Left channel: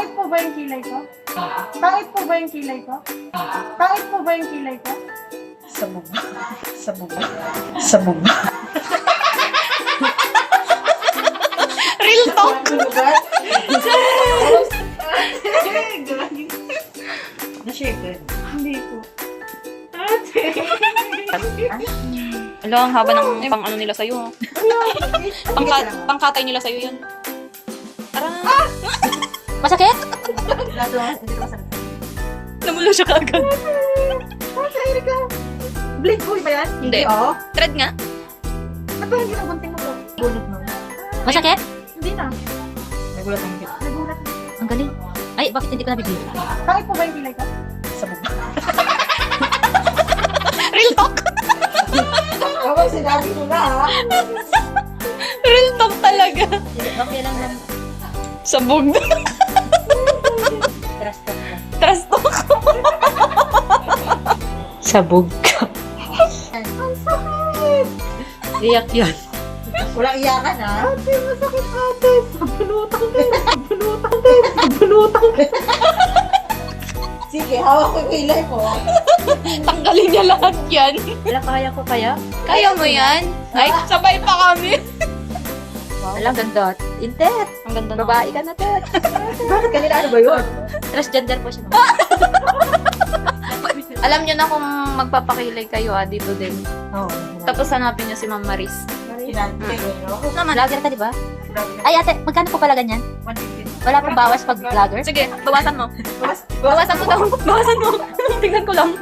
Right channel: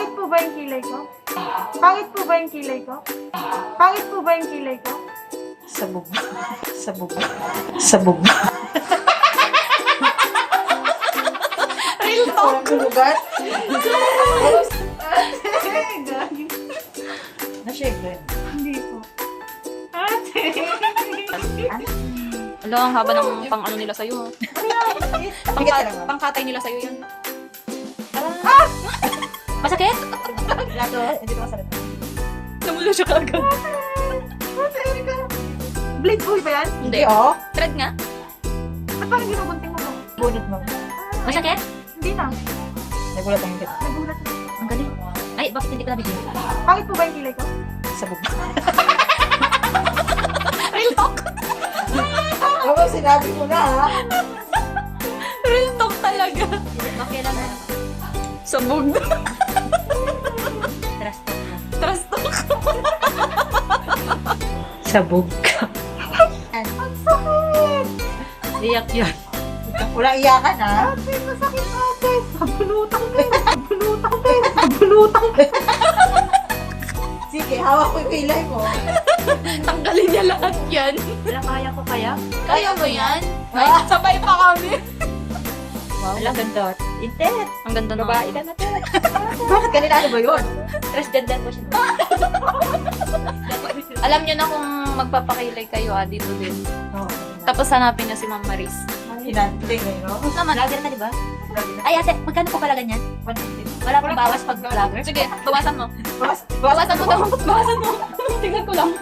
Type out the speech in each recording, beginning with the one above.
Pangit po ba yung kilay ko? Pangit po ba yung kilay ko? Pangit po ba yung kilay ko? Sabog. Sabog. Sabog. Real talk. Na-share ka. Hindi po. Ala, ang haba ng pang ano nila sa'yo. Pangkatay nila sa'yo yan. Tara. Masakit? Hindi ka masarap. Namulo siya kaagad. Erika. Blade boy ba yan? Hindi. Oo. Thread nga. Ba't parang ginubunting mo to? Ulit mo. Masakit? Hindi na. Nagulat ang hindi. Nagulat na. Ang galing. Ay, bakit hindi ko nabigyan? Pangit po ba yung kilay ko? Sabog. Real talk. Ako, sinabi ko na ha. Real talk talaga. Bakit lang yan? Sabog. Trust talk lang. Trust talk. Sabog ka. Ang sakit! Iyak yan. Walang iyakan ha. Ate, masakit ate. Pagpulutang kayo. Pagpulutang kayo. Pagpulutang kayo. Sige, hawak ko yung kilay mo. Tanggalin niya lahat yan. Wala, kaya ko kaya? Kaya mo yan? Ay, sabay pa kami. Wow. Alam, ganda. Intet. Ang ganda na. Babae ka na to. Bakit kanila ano ba yun? Transgender po siya. Alam niyo na kung magpapakilay kayo dito din. Oo. Tapos hanapin niyo si Ma'am Maris. Sinanting eh, no? Naman. Vlogger ka, di ba? Ay, ate, magkano po pala ganyan? 150. Wala pong bawas pag vlogger? Sige, bawasan mo. Bawas. Bawasan mo daw. Bawasan mo. Tignan ko lang.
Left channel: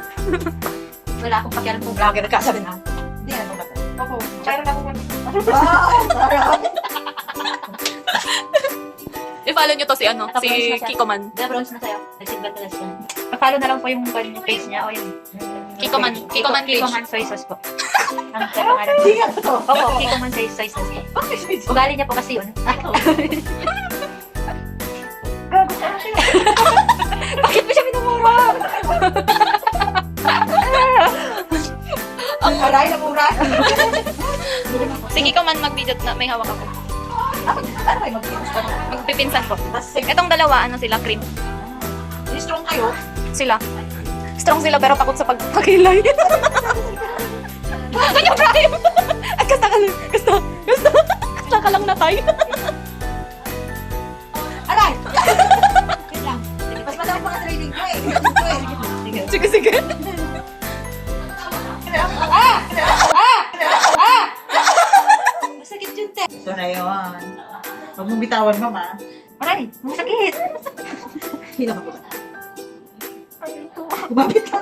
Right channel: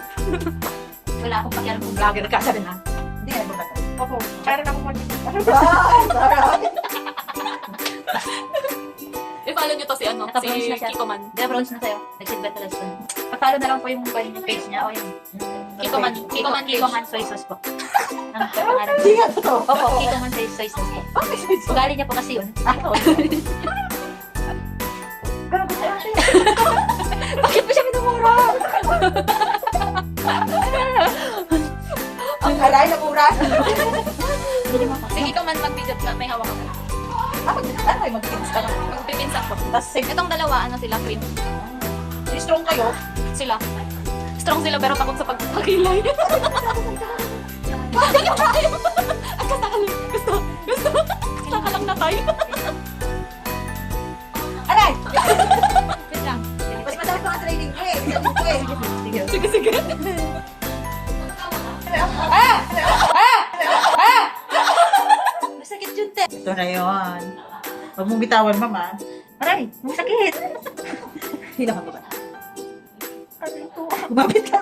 Wala akong pakialam kung vlogger. Vlogger ka, sabi na. Hindi na naman. Opo. Kaya na ako I-follow niyo to si ano, si Kiko Man. Bronze na sa'yo. Nag-silver ka lang. Pa-follow na lang po yung page niya o yung Kiko Man page. Kiko Man Soy Sauce po. Ang pangalan po. Hindi nga to. Opo, Kiko Man Soy Sauce po. Ugali niya po kasi yun. Gago sa akin. Bakit mo siya minumura? Ang alay na mura. Si Kiko Man mag-video na may hawak ako. Ano kayo mag-finish ka na? Yung pipinsan ko. Tapos Itong dalawa, ano sila, cream. strong kayo. Sila. Strong sila pero takot sa pagpakilay. Ganyan tayo. Ay, kasta ka lang. Kasta ka lang na tayo. Alay! Wait lang. Mas madami mga training ko eh. Sige, sige. Masakit yun, te. Ito na yun. Huwag mong bitawan, mama. Aray, masakit. Hila ka po ba? Kumapit ka.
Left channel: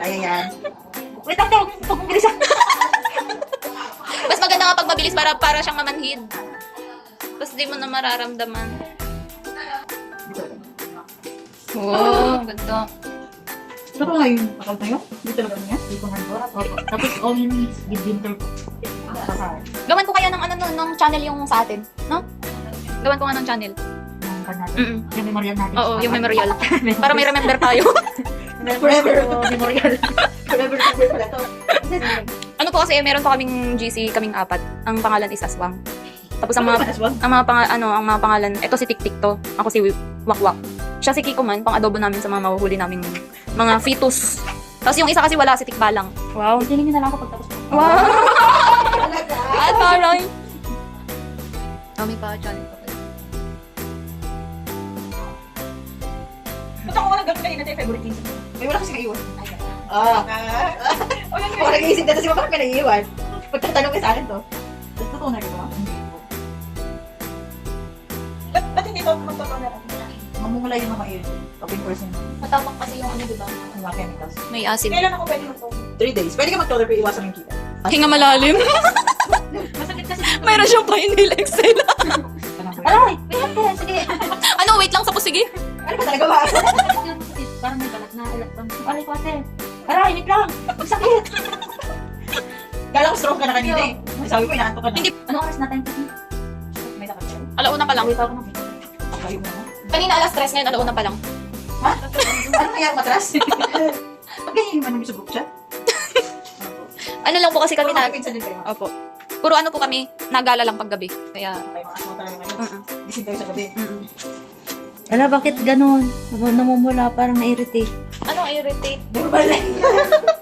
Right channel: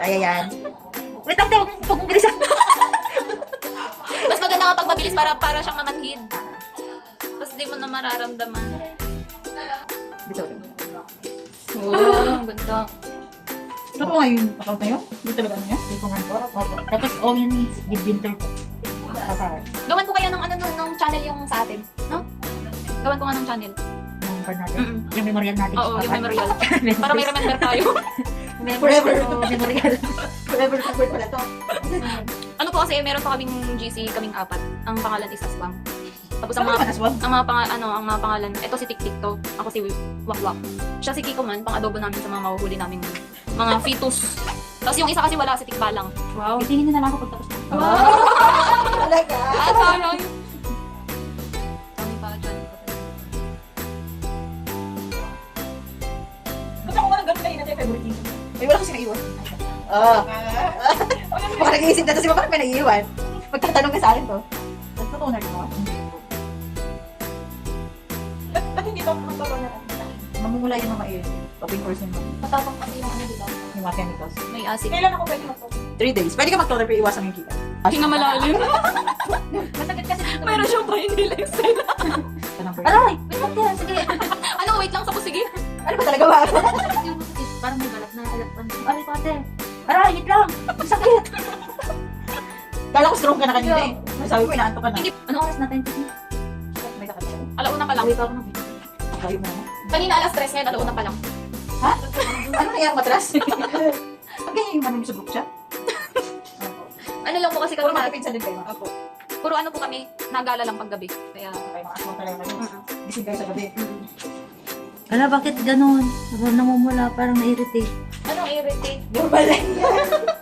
Kaya yan. Wait lang, te. Huwag mong bilisan. Mas maganda nga pag mabilis para siyang mamanhid. Tapos di mo na mararamdaman. Dito. Oh, ganda. Ito nga yung account na yun? Dito lang niya? Kiko Man po. Opo. Tapos all you need, give winter po. Gawan ko kaya ng ano ng channel yung sa atin, no? Gawan ko nga ng channel. Yung card natin. Mm-mm. Yung memorial natin. Oo, yung memorial. Para may remember tayo. Forever. Memorial. Forever pala to. Ano po kasi meron pa kaming GC, kaming apat. Ang pangalan is Aswang. Tapos ang Ano mga ba, Aswang? ang mga pangalan, ito si Tiktik to. Ako si Wakwak. Siya si Kiko Man, pang-adobo namin sa mga mahuhuli naming mga fetus. Tapos yung isa kasi wala, si Tikbalang. Wow. Itingin niyo na lang ako pagtapos. Wow. Talaga? Taray. Kami pa channel ko. Ba't ako nga nag-gabi na yung favorite season? May wala kasi naiiwan. Kung nag-iisip na to si Mama, may naiiwan. Pagtatanong ka sa akin to. Tapos totoo na rin mo? Hindi po. Ba't hindi pa magtatanong ako? Mamumula yung mga ear. Open person mo. Matapang kasi yung ano, diba? Yung mga chemicals. May acid. Kailan ako pwede mag-toner? 3 days. Pwede ka mag-toner pero iwasan yung kita. Hinga malalim. Masakit kasi. Mayroon siyang pa-inhale Excel. Aray! Wait, te. Sige. Ano, wait lang sa pusigi. Ano ba talaga ba? Parang may balat na. Aray ko, ate. Aray, wait lang. Masakit. Kala ko strong ka na kanina eh. Sabi ko, inaanto ka na. Hindi. Anong oras natin? May lakad siya. Alauna pa lang. Uwi pa ako na. Sabi mo. Kanina alas 3 ngayon, alauna pa lang. Ha? Ano kaya matras? Pag ganyan yung manong sa group chat? Ano lang po kasi kami na... Pinsan din kayo. Opo. Puro ano po kami, nagala lang paggabi. Kaya, May mga asma talaga ngayon. mm-mm. Gising kayo sa gabi. Mm-mm. Ala, bakit ganun? Namumula, parang na-irritate. Ano, irritate? Normal lang yan.